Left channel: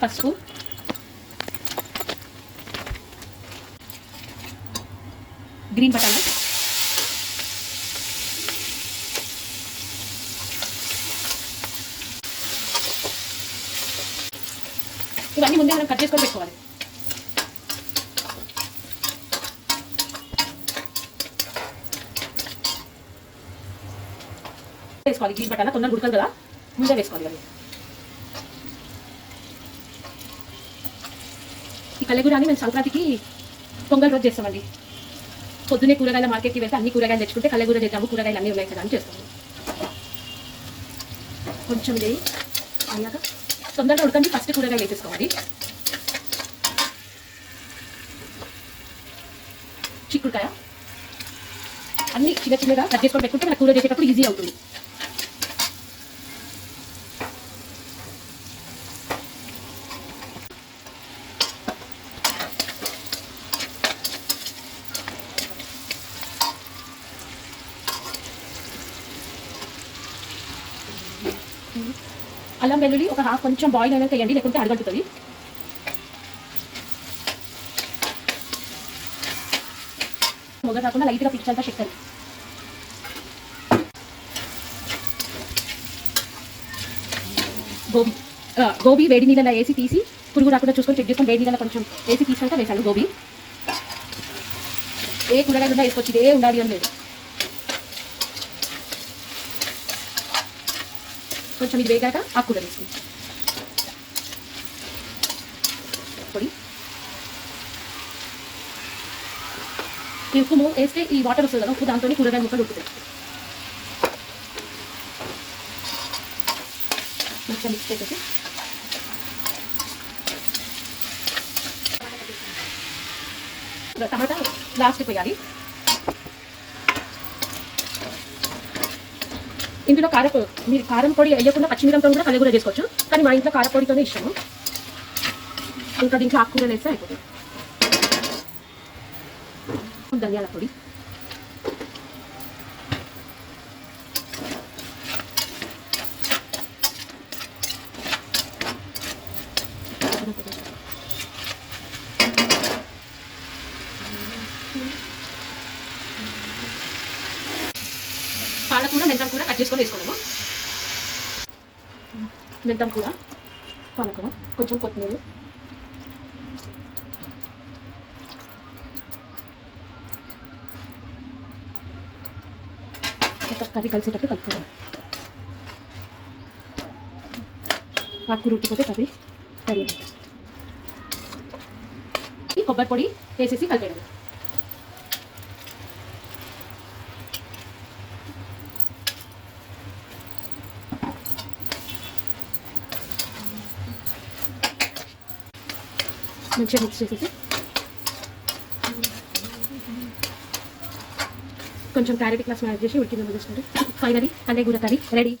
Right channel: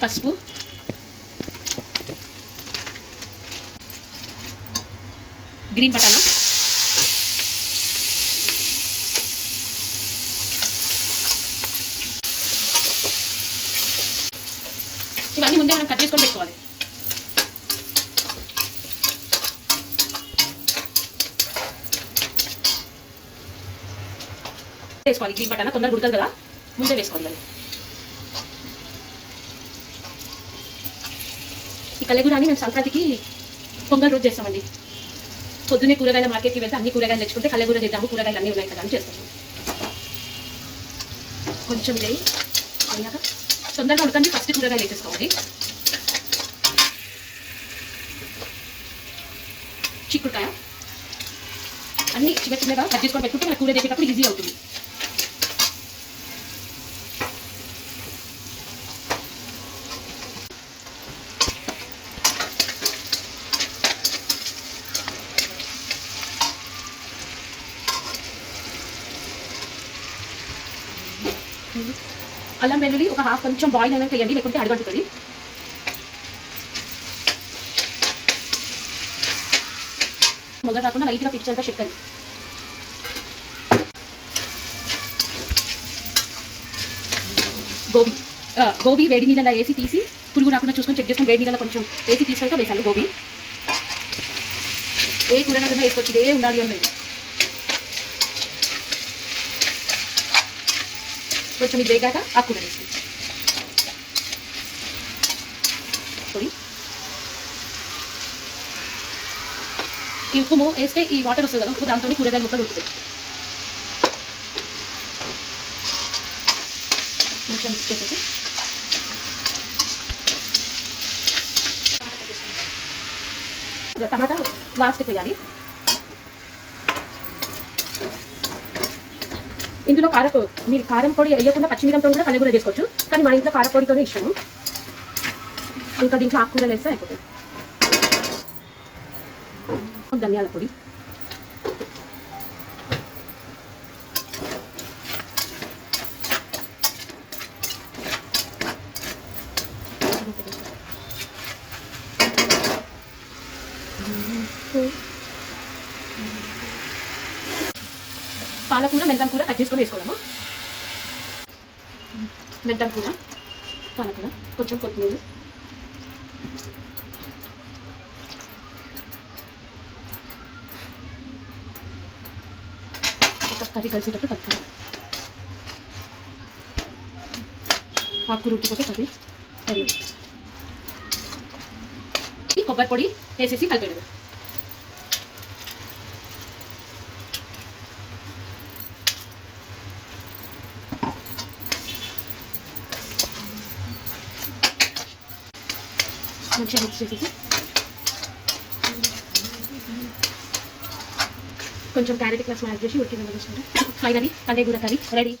పసుపు, గ్రీన్ బటానా, ఇవన్నీ ముందే మనం కట్ చేసుకొని పెట్టుకోవాలి. వేసుకోవాలి. గ్రీన్ బటానా తొందరగా ఉడుతుంది కదా, ముందే వేసుకోవాలి. ఈ కల్లెగూరని మేము సంక్రాంతికి పొంగల్ రోజు చేస్తామండి. పొద్దున్నే కూరగాయల మార్కెట్కి వెళ్తే అన్ని కూరగాయలు తెచ్చుకుంటే కల్లెగూర చేద్దాము, కూరగాయలు అన్నీ ఉన్నాయి కదా అని చేస్తాము. కొంచెం ఇది అలాగా తొందరగా ఉడకండి. ఫస్ట్ కూరగాయలు వేసేసుకోవాలి. చిక్కుడుకాయ అన్ని చిన్న చిన్నగా కట్ చేసుకొని పెట్టుకుంటే మన కూర చేసేటప్పుడు ఈజీ అవుతుంది. అల్లం వెల్లుల్లి ఒక హాఫ్ కొంచెం బాయిల్ అయినా వేయండి, లేకుంటే అడగడుతుంది. మొదలు కాకుండా లైట్గా పిచ్చాక చెక్కది. గోబీ వేడి నీళ్ళలో వేసి తీసి పురుగు రాకుండా చూసుకొని చెక్ చేసుకొని వేడి నీళ్ళలో కొంచెం వేసి తీసుకుంటే వేసాలి. గోబీ ఏ కూరగాయలు వేసుకొచ్చింది, ఏ ఉండాలి అని లేదు. కొంచెం ఇది వేగాక ఆకుకూర వేసుకుంటాం. పొడి ఈ ఉప్పు వేస్తే ఈ వాటర్ వస్తుంది కదా, ఉప్పు దాంతో కూరగాయలు మొత్తం ఉడుకుతాయి. కొంచెం వేసేసి టమాటా లాస్ట్ పోయాలి. ఇందులో మీరు కారం పొడి వేయకుండా పచ్చిమిరపతో కూడా కల్లెగూర చేసుకోవచ్చు, కానీ మా ఇంట్లో కారపొడితోనే ఇష్టము. ఇంకా దీంట్లో ఆకుకూరలు వేస్తే అయిపోతుంది. ధనియాల పొడి, పాలకూర మెంతం కూర కట్ చేసుకొని వేసుకోవడము. మెంతం కూర, పాలకూర, కొంచెం కొత్తిమీర, ఒక కర్రీ కలిసేటట్టు కలుపుకోవాలి. ఆకుకూర ఉట్టిపోతే కర్రీ కొబ్బరి పొడి వేసేసి కలిపేయడం. మంచిగా మిక్స్ చేసేసి కొంచెం క్యారెట్ క్లాస్ యాడ్ చేసి ఉడికిన ఫైనలీ కల్లెగూర కర్రీ రెడీ.